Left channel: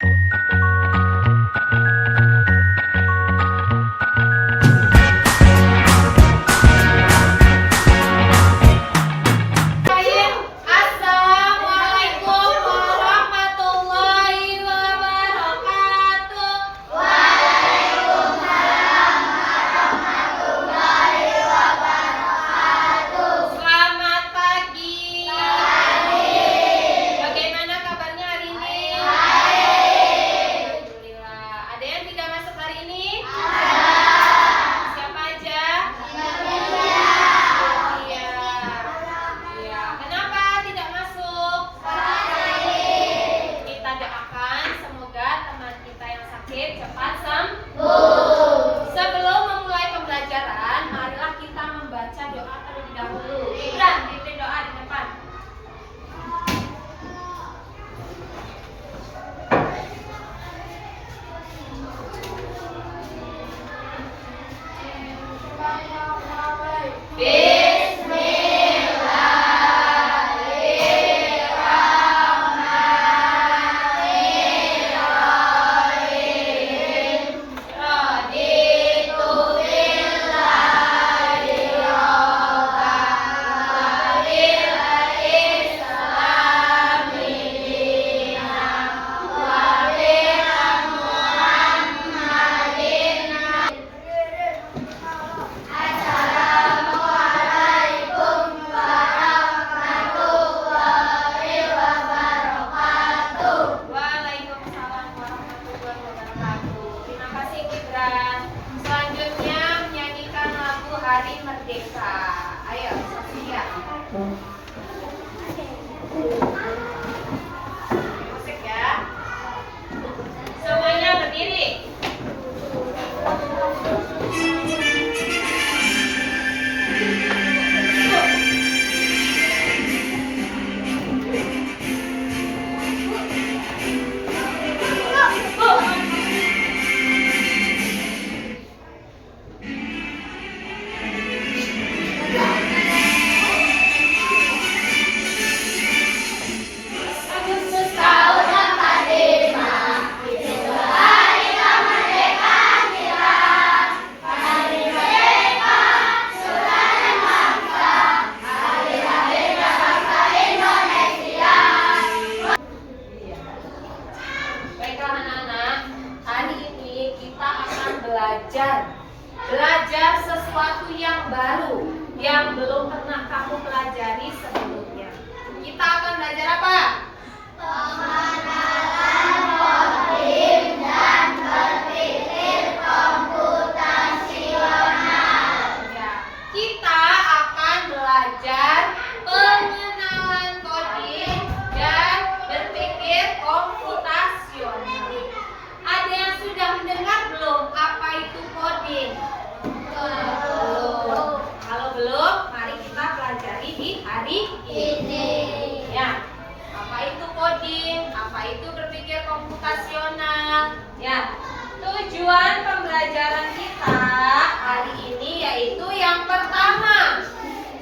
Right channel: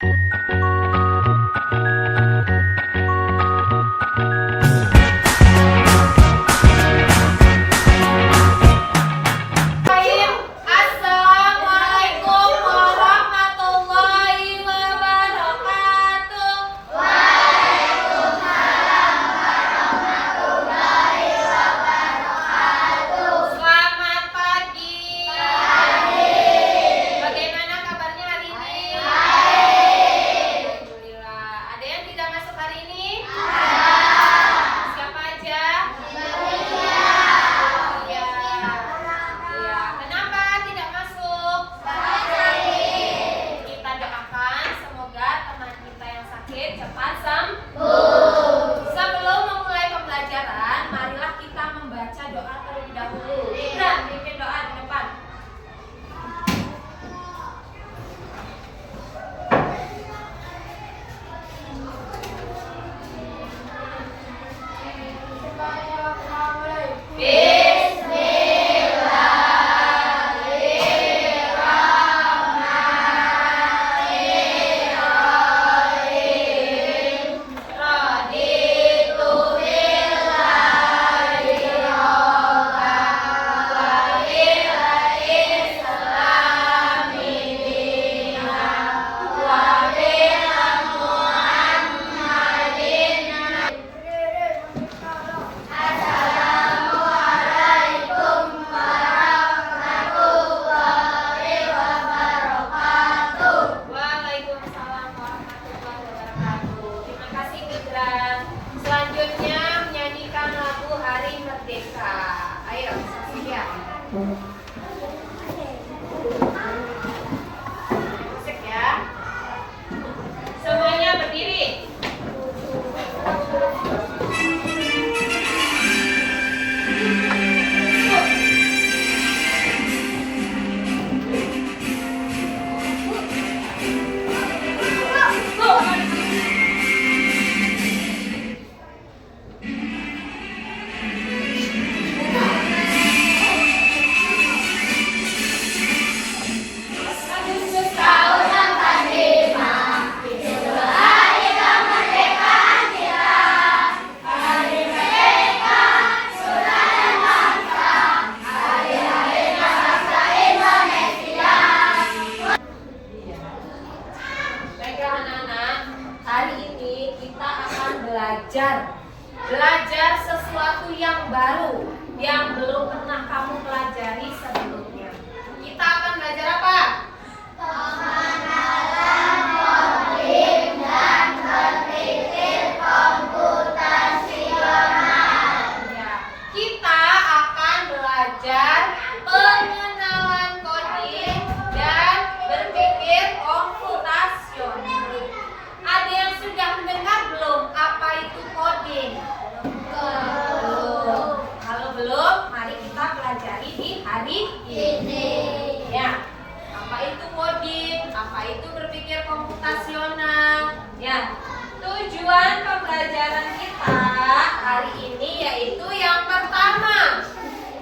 Assalamualaikum warahmatullahi wabarakatuh. Selamat pagi. Bagaimana kabarnya hari ini? Alhamdulillah. Ada yang tidak masuk hari ini? Siapa aja? Iya. Iya. Kenapa tidak masuk? Kita doakan semoga teman kita yang sakit cepat sembuh. Sebelum memulai pembelajaran, marilah kita membaca doa terlebih dahulu. Ibran, pimpin doa di depan. Waalaikumsalam warahmatullahi wabarakatuh. Terima kasih Ibran. Selanjutnya menyanyikan lagu Hari Merdeka. Ayo, siap. Musik ya. Semuanya berdiri. Baiklah anak-anak, hari ini kita akan belajar sesuatu yang baru yang belum pernah kamu pelajari sebelumnya. Kita akan belajar apa? Ya, kita akan belajar pengenalan coding dan berpikir komputasional. Ada yang sudah mendengar belum apa itu coding? Belum. Kalau belum, mari kita pelajari di hari ini. Ya, apa itu coding? Apa itu berpikir komputasional? Ya, tujuan pembelajaran kita hari ini yaitu yang pertama,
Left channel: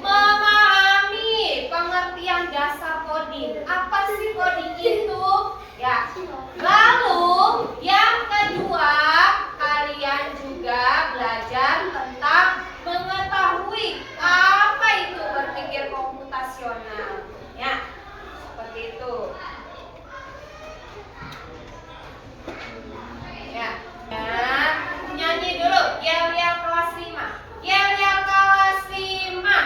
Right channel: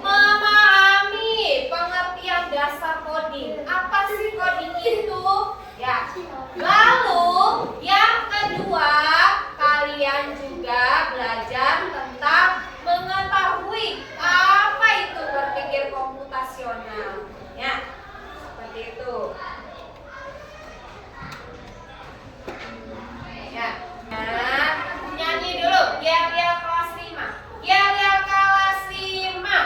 memahami pengertian dasar coding. Apa sih coding itu? Ya. Lalu yang kedua, kalian juga belajar tentang mengetahui apa itu berpikir komputasional. Ya, seperti itu. Ya. Nah, nyanyi dulu. Yel-yel kelas 5. Yel-yel kelas 5.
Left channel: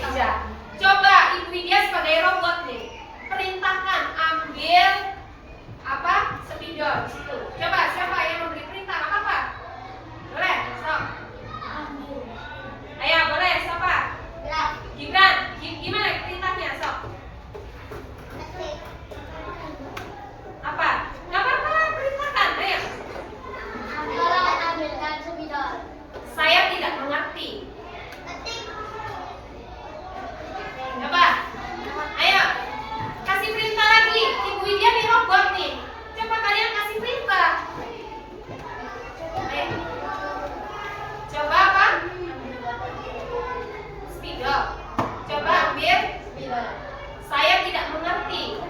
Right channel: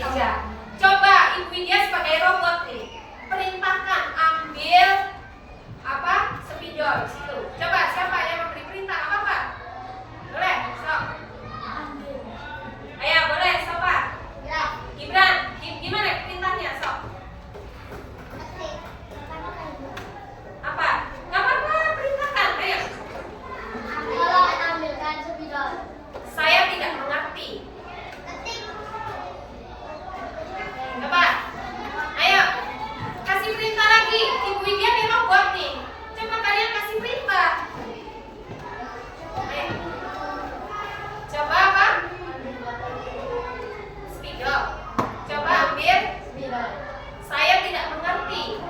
meja. Coba Ibu Widya sebagai robot nih, perintahkan ambil apa? Spidol di situ. Coba siapa yang memberi perintah? Apa Pak? Boleh, sok. Ayo boleh, siapa? Gibran, gimana perintahnya sok? Apa? Gak apa-apa, perintahkan, ayo. Ambilkan spidol. Saya tidak mengerti. Coba, ayo, kasih perintah lagi. Ibu Widya nih robot nih. Coba kalian kasih perintah. Ayo. Coba apa? Spidol. Coba ambil. Saya tidak mengerti.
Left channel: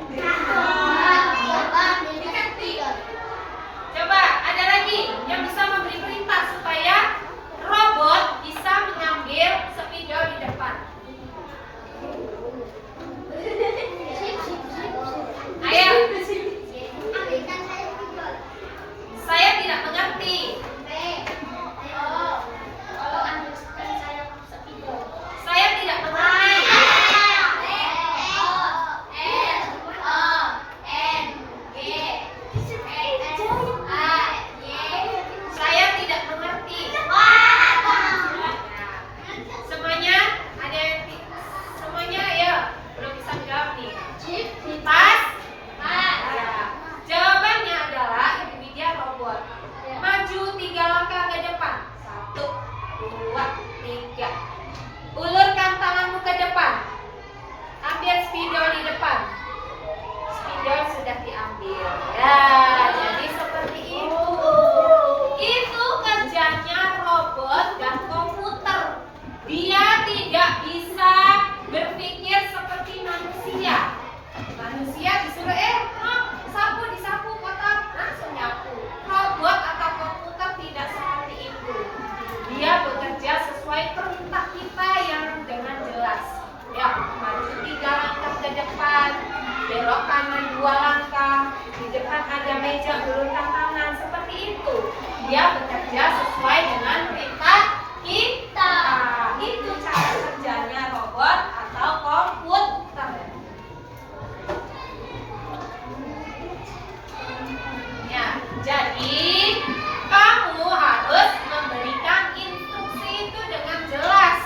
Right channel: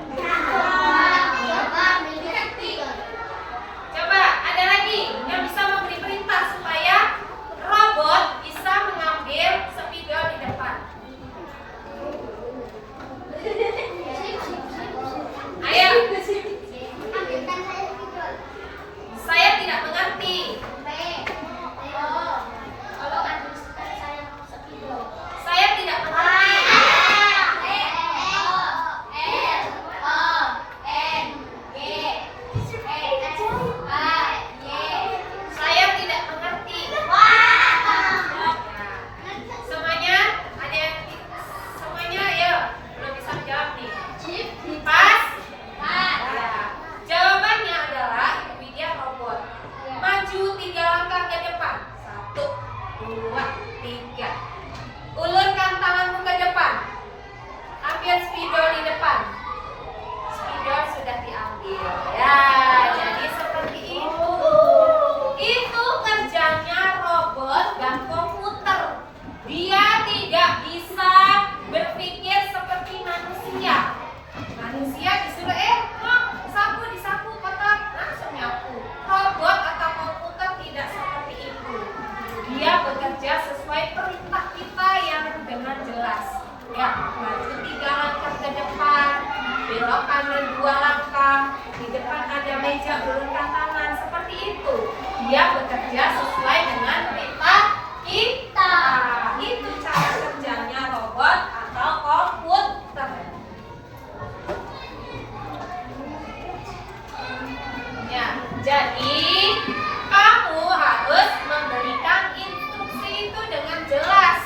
Coba ada lagi yang bisa memberi perintah supaya robot bisa mengambil spidol di depan. Ayo. Saya tidak mengerti. Saya tidak mengerti. Saya tidak mengerti. Semuanya ada yang semuanya ya belum bisa menjawab nih. Pas. Ya. Jawabannya adalah Ibu Widya robot. Maju 3 langkah ke depan. 1, 2, 3. Ulurkan tanganmu ke depan. Ambil spidol di depan. Spidol sudah diambil. Ya, jadi seperti itu. Itu kerjanya robot dan komputer. Dia tidak bisa berpikir seperti manusia. Manusia disuruh sapu disapu kotor langsung nyapu. Robot atau komputer tidak seperti itu. Dia bekerja sesuai perintah kita yang dengan jelas. Ya, maju 3 langkah ke depan, belok kanan 2 langkah, di depan ada meja, ulurkan tangan, seperti itu. Dia bekerja sesuai dengan perintah kita. Itu cara kerjanya robot atau komputer. Ya, jadi kamu harus memberikan instruksi itu dengan jelas.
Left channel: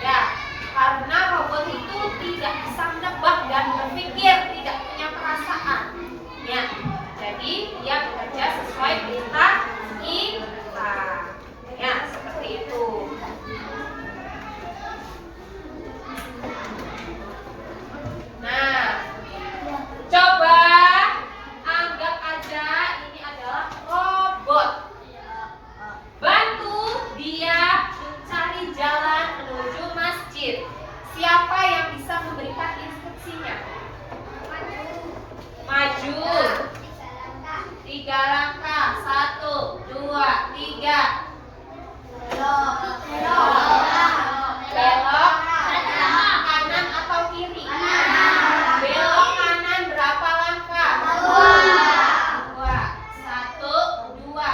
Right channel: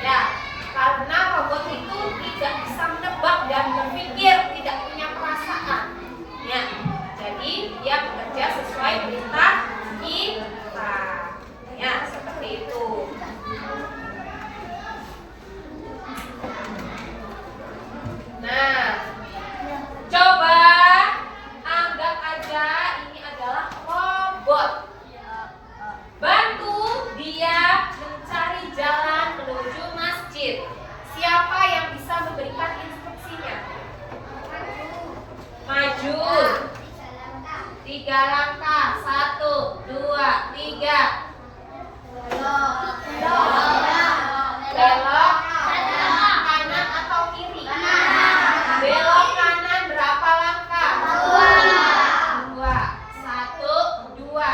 Ya, karena robot itu tidak bisa menebak dan berpikir, tidak punya perasaan. Ya, jadi dia bekerja sesuai perintah kita. Ya, seperti itu. Nah, coba anggap aja ini adalah robot. Bantu dia mencari jalan menuju masjid. Siapa yang bisa memberikan instruksinya? Maju 3 langkah. 1, 2, 3. Belok kanan atau kiri? Belok kanan berapa langkah? 2. 1, 2.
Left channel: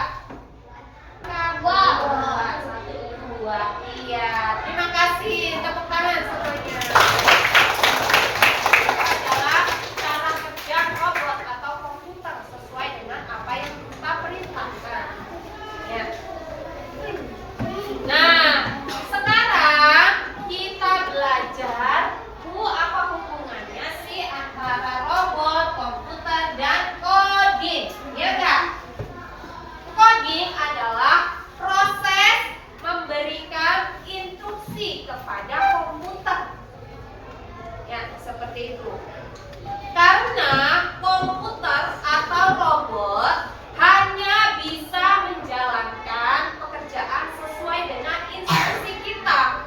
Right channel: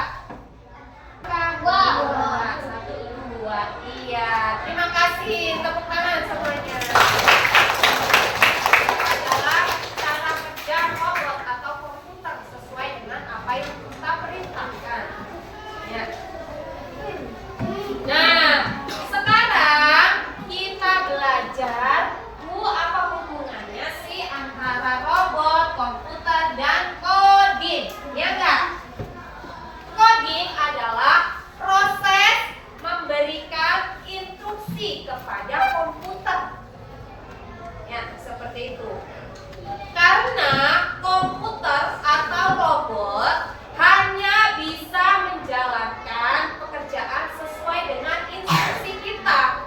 1, 2. Iya, terima kasih. Tepuk tangan semuanya. Itu adalah cara kerja robot atau komputer sesuai dengan apa yang kita perintahkan. Ya. Nah, sekarang kita belajar apa hubungannya sih antara robot, komputer, dan coding. Ya enggak? Coding adalah proses memberikan instruksi kepada komputer. Ya, seperti itu. Karena komputer atau robot hanya bisa menjalankan pekerjaan sesuai dengan instruksi kita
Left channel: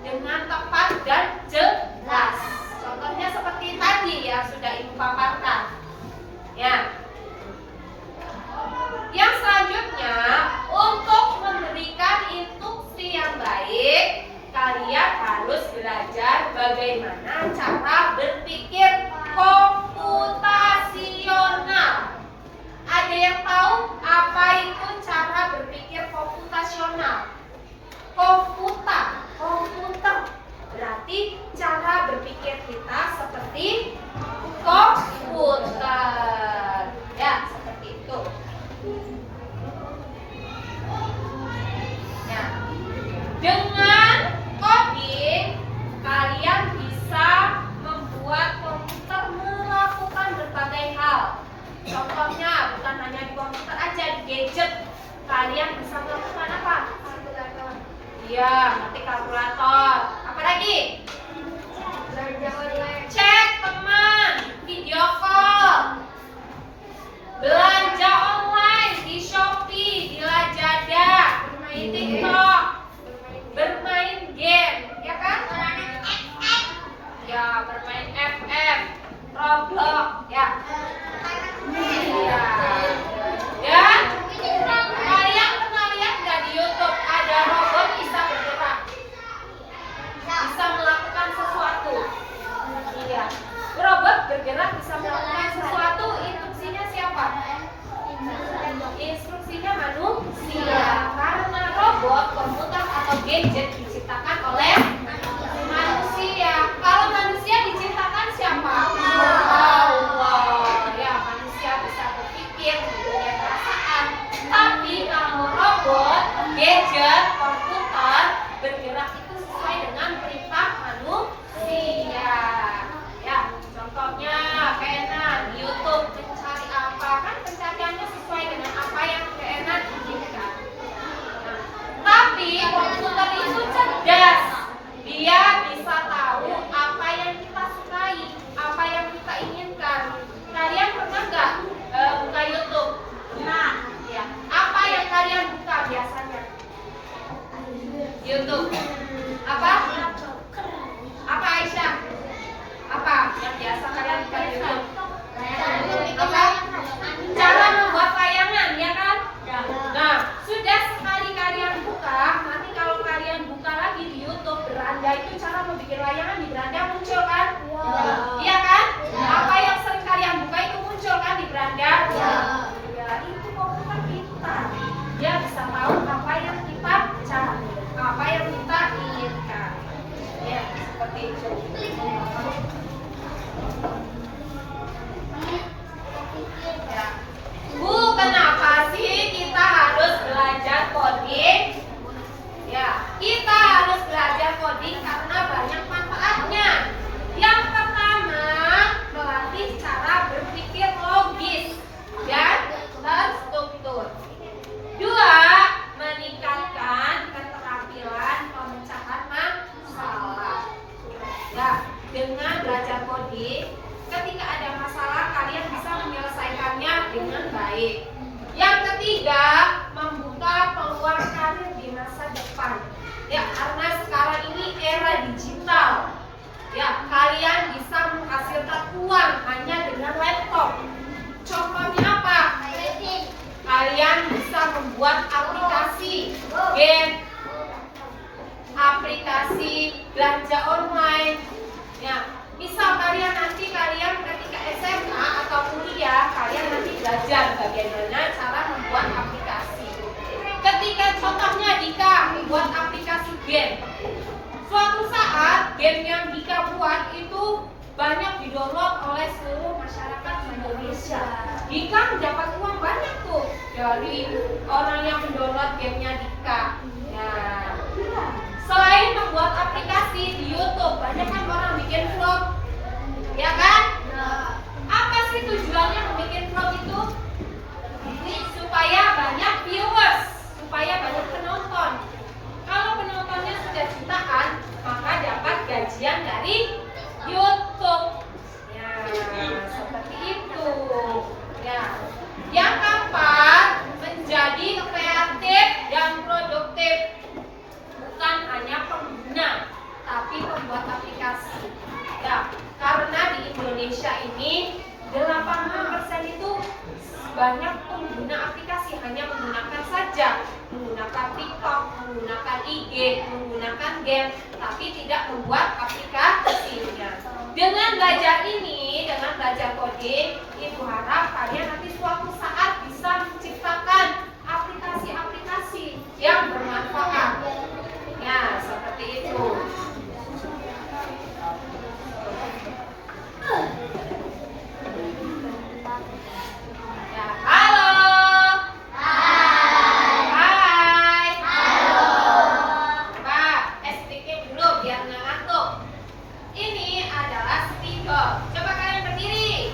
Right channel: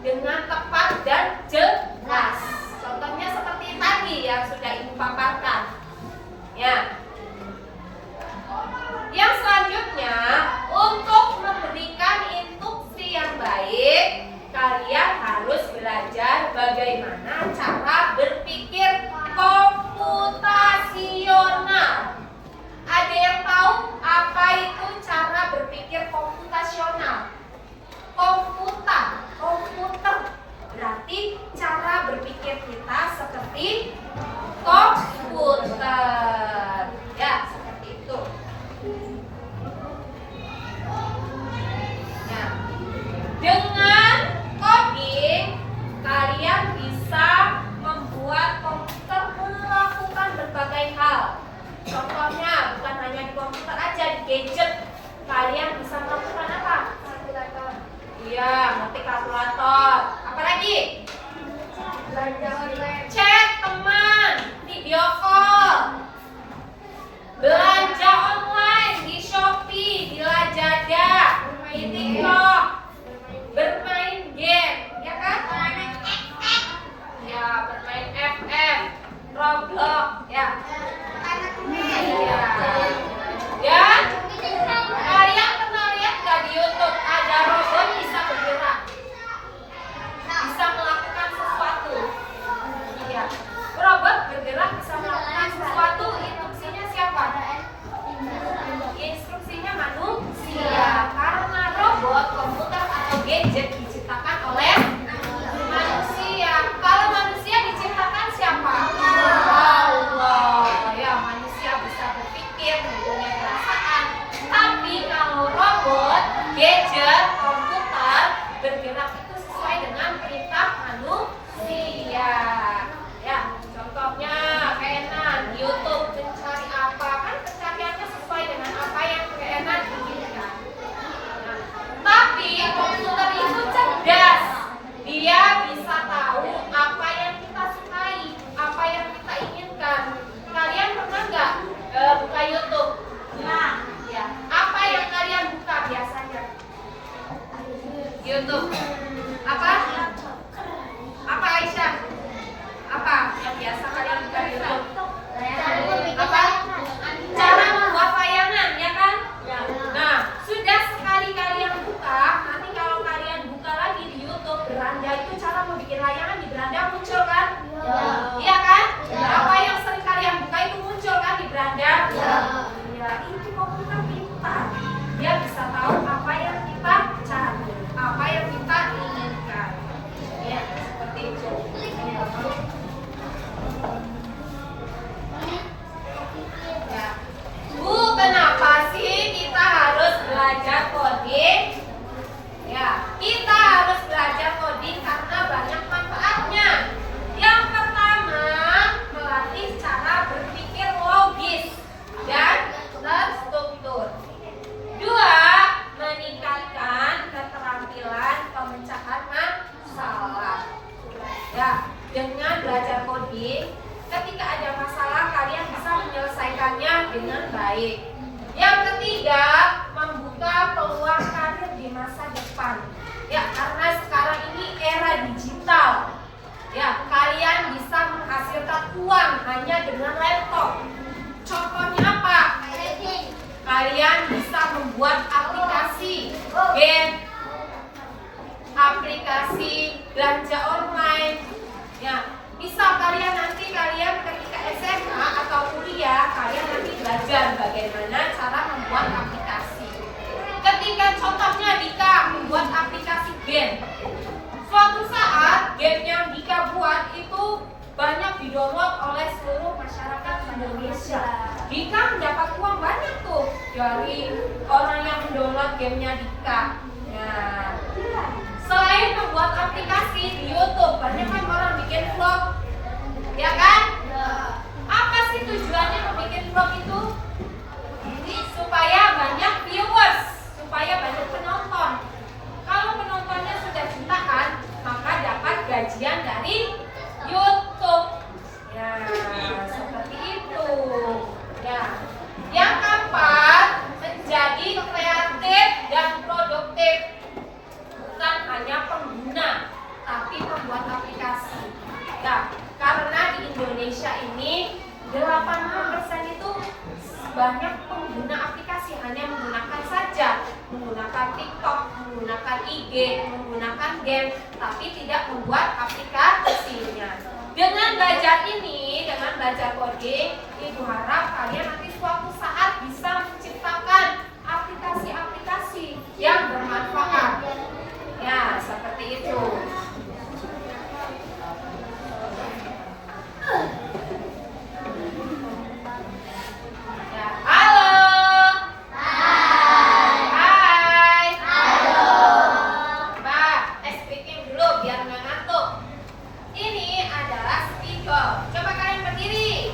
dengan tepat dan jelas. Contohnya seperti tadi yang sudah Ibu paparkan. Ya. Yang selanjutnya, untuk memberikan instruksi yang baik, kalian harus belajar bagaimana cara berpikir komputasional. Ada yang tahu apa itu cara berpikir komputasional? Komputer berarti Ya, ngetik kalkulator. Apa lagi? Belanja online. Chat teman, video call. Belanja online di Shopee, di Lazada, di TikTok, bermain game, ya kan? Ya, bermain FF, Roblox, ya. Ya. Ya. Kalian pernah lihat nggak di YouTube ada robot bisa bergerak, bisa melakukan sesuatu? Iya. Robot bergerak bisa melakukan sesuatu. Instruksinya siapa? Instruksinya manusia. Karena robot, komputer atau gadget diciptakan oleh manusia. Kalau manusia diciptakan siapa? Allah. Ya, manusia bisa berpikir, mempunyai perasaan. Tapi kalau robot, gadget, komputer bergerak itu sesuai dengan perintah manusia. Ya, contohnya Kenan di YouTube mencari apa, kan pencariannya sesuai dengan apa yang Kenan inginkan. Nah, tapi komputer itu cerdas. Dia bisa tahu apa yang kita sukai, apa yang kita inginkan. Kalian pernah nggak buka YouTube? Nah, ya. Apa yang kalian buka biasanya? YouTube. Apa? Apa Aisyah? Apa yang biasa kalian buka di YouTube? Apa? Cara membuat layangan, ya kan? Nah, sudah sekali kalian buka, nanti kalau kalian buka lagi di YouTube beranda itu cara membuat layangan di beranda muncul kan? Iya kan? Apa yang sering kalian buka itu muncul kan di beranda? Ya, itu komputer pintar. Dia bisa tahu apa yang kita cari, apa yang kita inginkan. Ya, seperti itu. Ya. Bu, kenapa sih kita harus belajar coding? Ya, kita harus belajar coding karena banyak manfaatnya. Yang pertama, melatih cara berpikir logis dan terstruktur. Dua, meningkatkan keterampilan pemecahan masalah. Ya, dengan belajar coding, ketika ada masalah kalian bisa menyelesaikannya dengan baik. Yang ketiga, membuka peluang karir di masa depan. Ya, karena sekarang ini era digital. Ya, kalian bisa menghasilkan uang hanya dengan laptop. Contohnya apa? Kalian bisa membuat aplikasi game, aplikasi belanja online. Ya, bisa kalian ketika SMA atau kuliah, kalian nanti belajar bagaimana cara membuat aplikasi. Ketika contohnya Dika membuat aplikasi game, suatu saat game yang Dika buat itu banyak didownload oleh seluruh masyarakat Indonesia. Dika mendapat uang banyak tuh dari orang yang mendownload gamenya Dika. Nah, selain membuat aplikasi di YouTube, banyak kan orang bikin vlog, ya kan? Apa sih tujuannya membuat vlog itu? Supaya banyak viewers, supaya banyak penonton. Kalau penontonnya sudah jutaan, maka dapat gajian dari YouTube. Ya, seperti itu. Ya. Yang keempat, menjadi kreatif dan produktif. Bukan hanya pengguna, tapi pembuat aplikasi. Nah, karena di Indonesia ini 80% itu banyak pengguna aplikasi, hanya menggunakan saja, menggunakan TikTok, menggunakan IG, menggunakan game, tapi tidak membuat aplikasinya. Dengan belajar ini, dengan belajar coding, Ibu harap kalian nanti suatu saat bisa menciptakan aplikasi-aplikasi yang bermanfaat. Ya, seperti itu. Ya, halo. Hai. Halo. Mbak, speaking dulu biar nggak ngantuk. Ini adalah spidol. Coba kalian berdiri.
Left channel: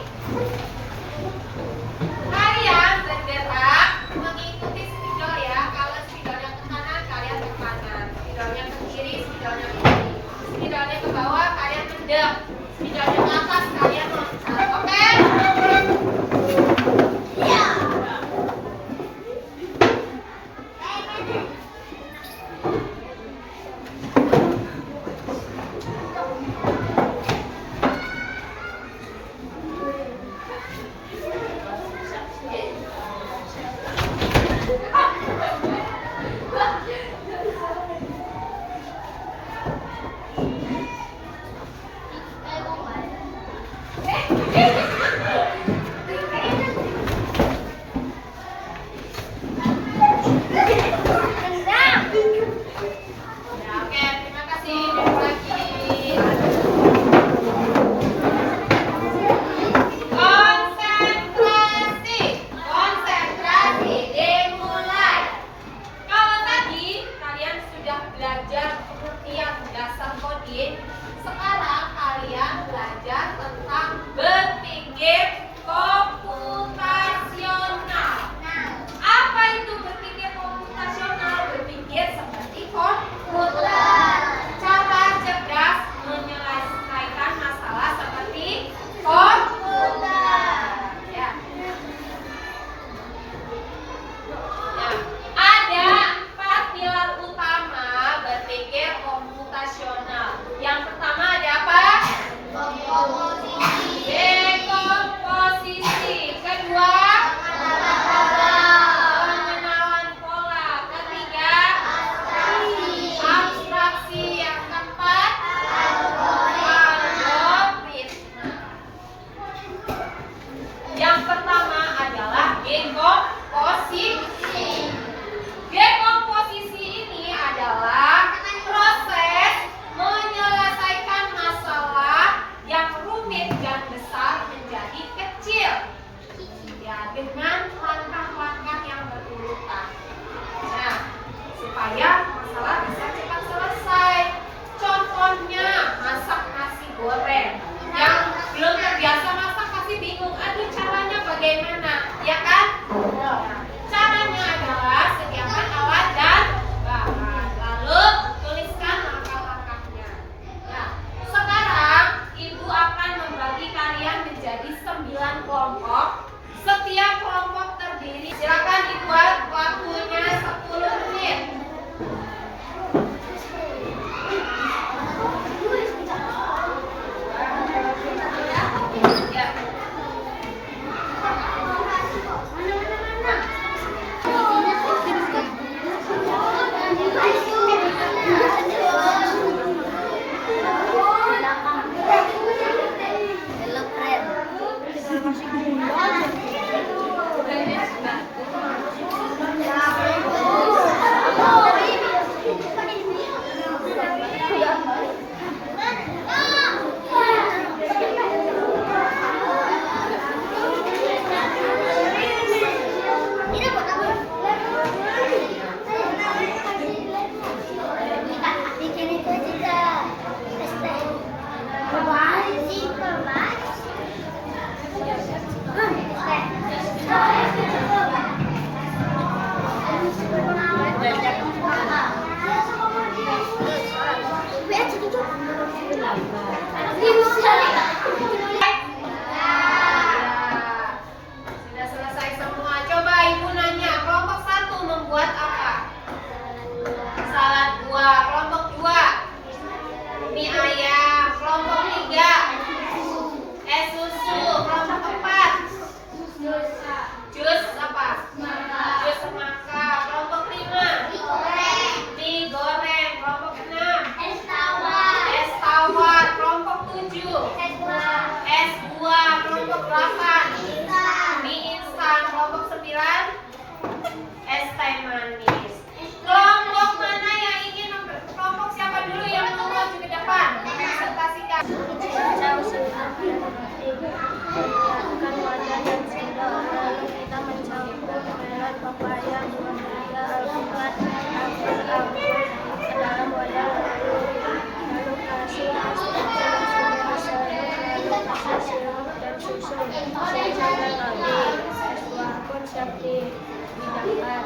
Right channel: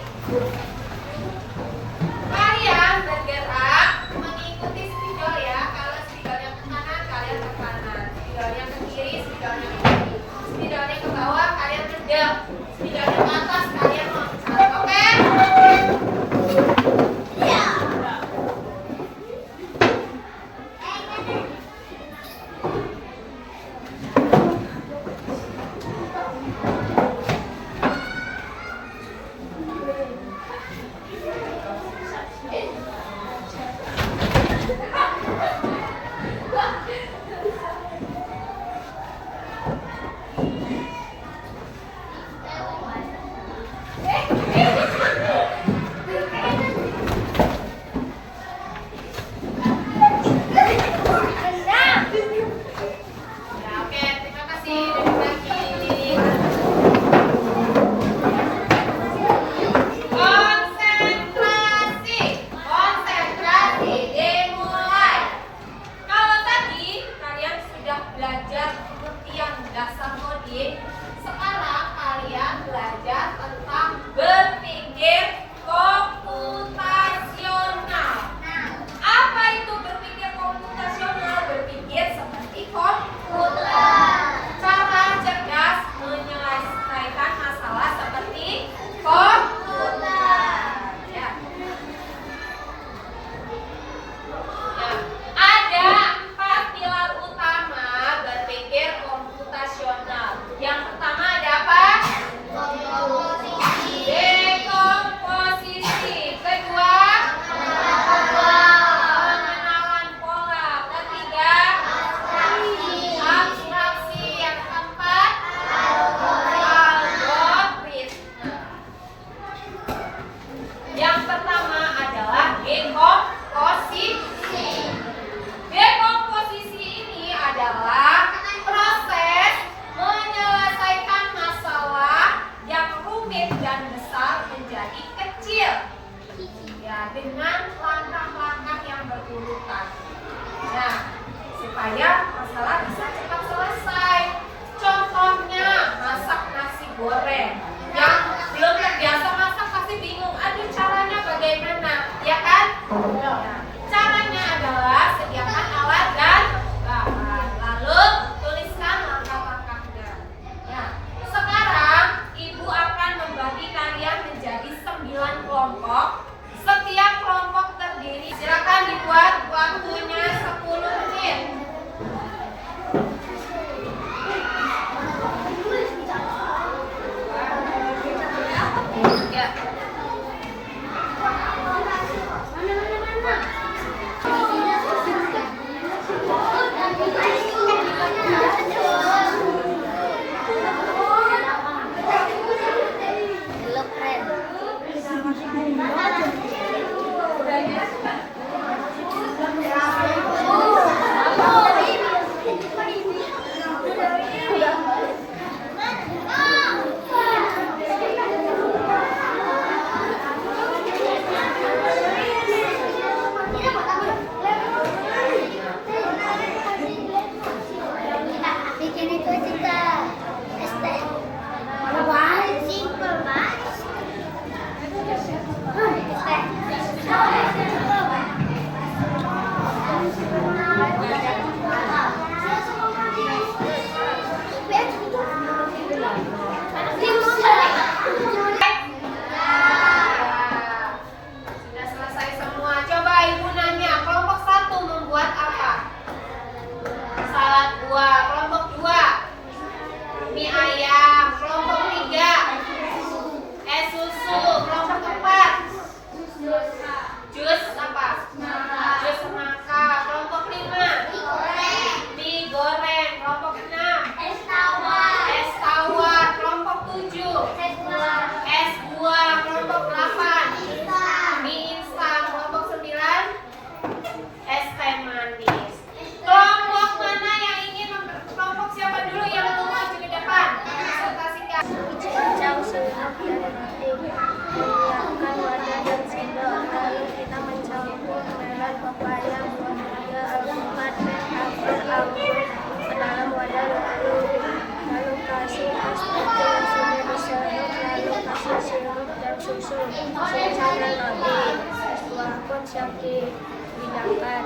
saya metode. S2 pun siap dibidangkan.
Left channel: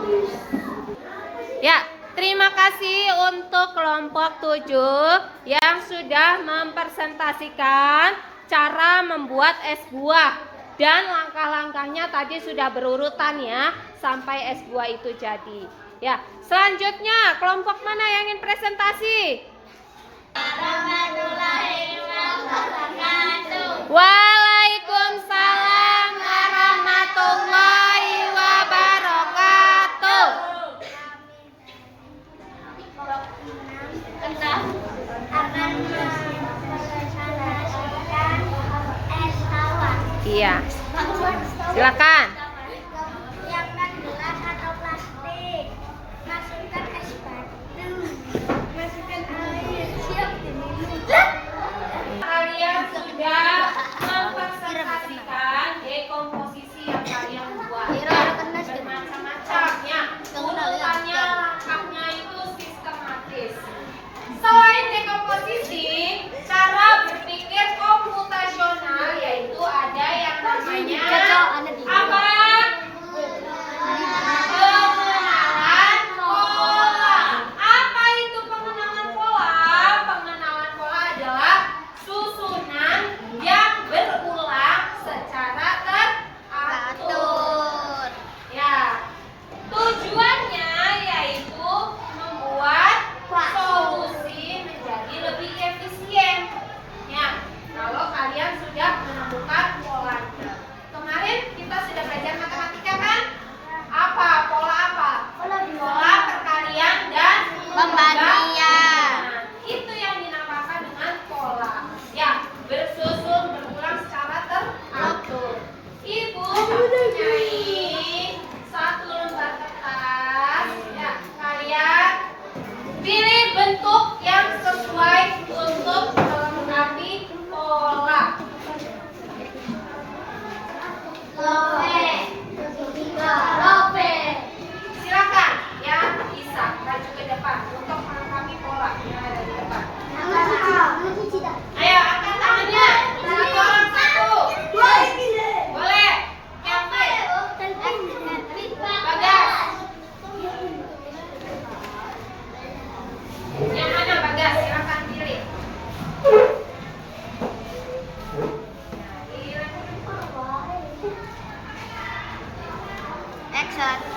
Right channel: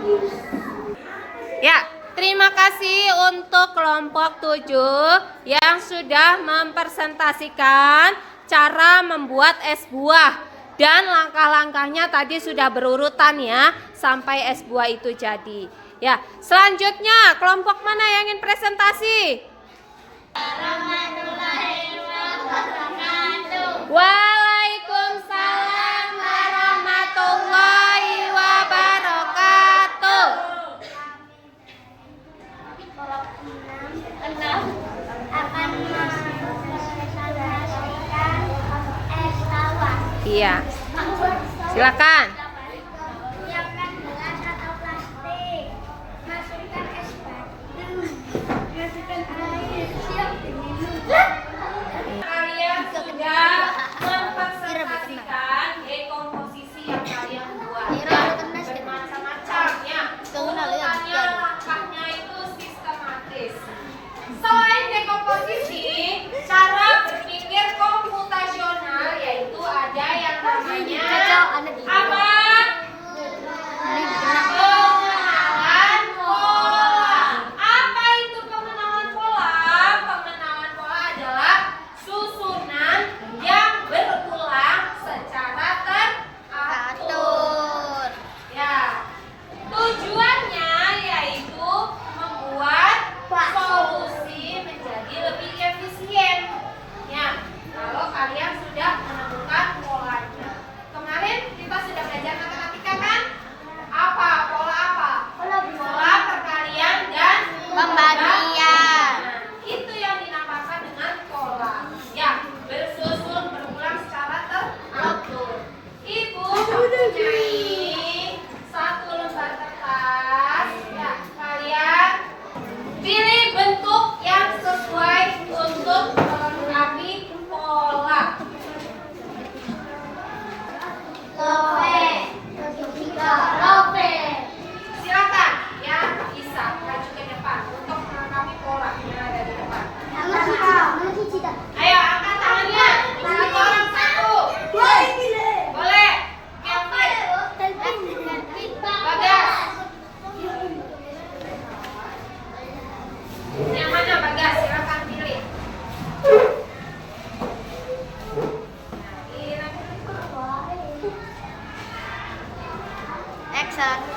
Ya, terima kasih untuk kelompok 7 yang sudah mempresentasikan cara membuat es buah. Dan langkah-langkahnya tadi sudah berurutan ya, sampai es buah itu jadi. Ya, selanjutnya kelompok mana yang ingin presentasi? Waalaikumsalam warahmatullahi wabarakatuh. Akan mempresentasikan es tawar. Iya, silakan. Siapkan gelas atau plastik. Masukkan es batu. Masukkan air. Siap diminum. Kalian sudah mempresentasikan komposisi yang kalian buat. Bermacam-macam ya. Urutannya, langkahnya itu sistematis. Selain dekomposisi, cara berpikir komputasional yaitu ada yang namanya apa? Pengenalan pola. Apa itu pengenalan pola? Pengenalan pola adalah susunan yang berulang secara teratur. Ya, tujuannya yaitu membuat solusi menjadi lebih efisien. Ya, kalau kalian sudah menemukan polanya. Kemarin kita sudah belajar matematika kan? Apa? Pola apa? Pola perkalian dan pembagian. Nah, itu yang dinamakan dengan pola. Ya, bersusun berulang secara teratur. Ibu mempunyai satu lembar kertas. Ya, kalian pilih bentuk yang sesuai untuk melengkapi pola. Silakan ya, bisa maju ke depan untuk melengkapi pola yang ada di depan. Ayo angkat tangannya, satu orang satu. Boleh. Kelvin, Bagas. Yang mana Bagas? Silakan pilih. X1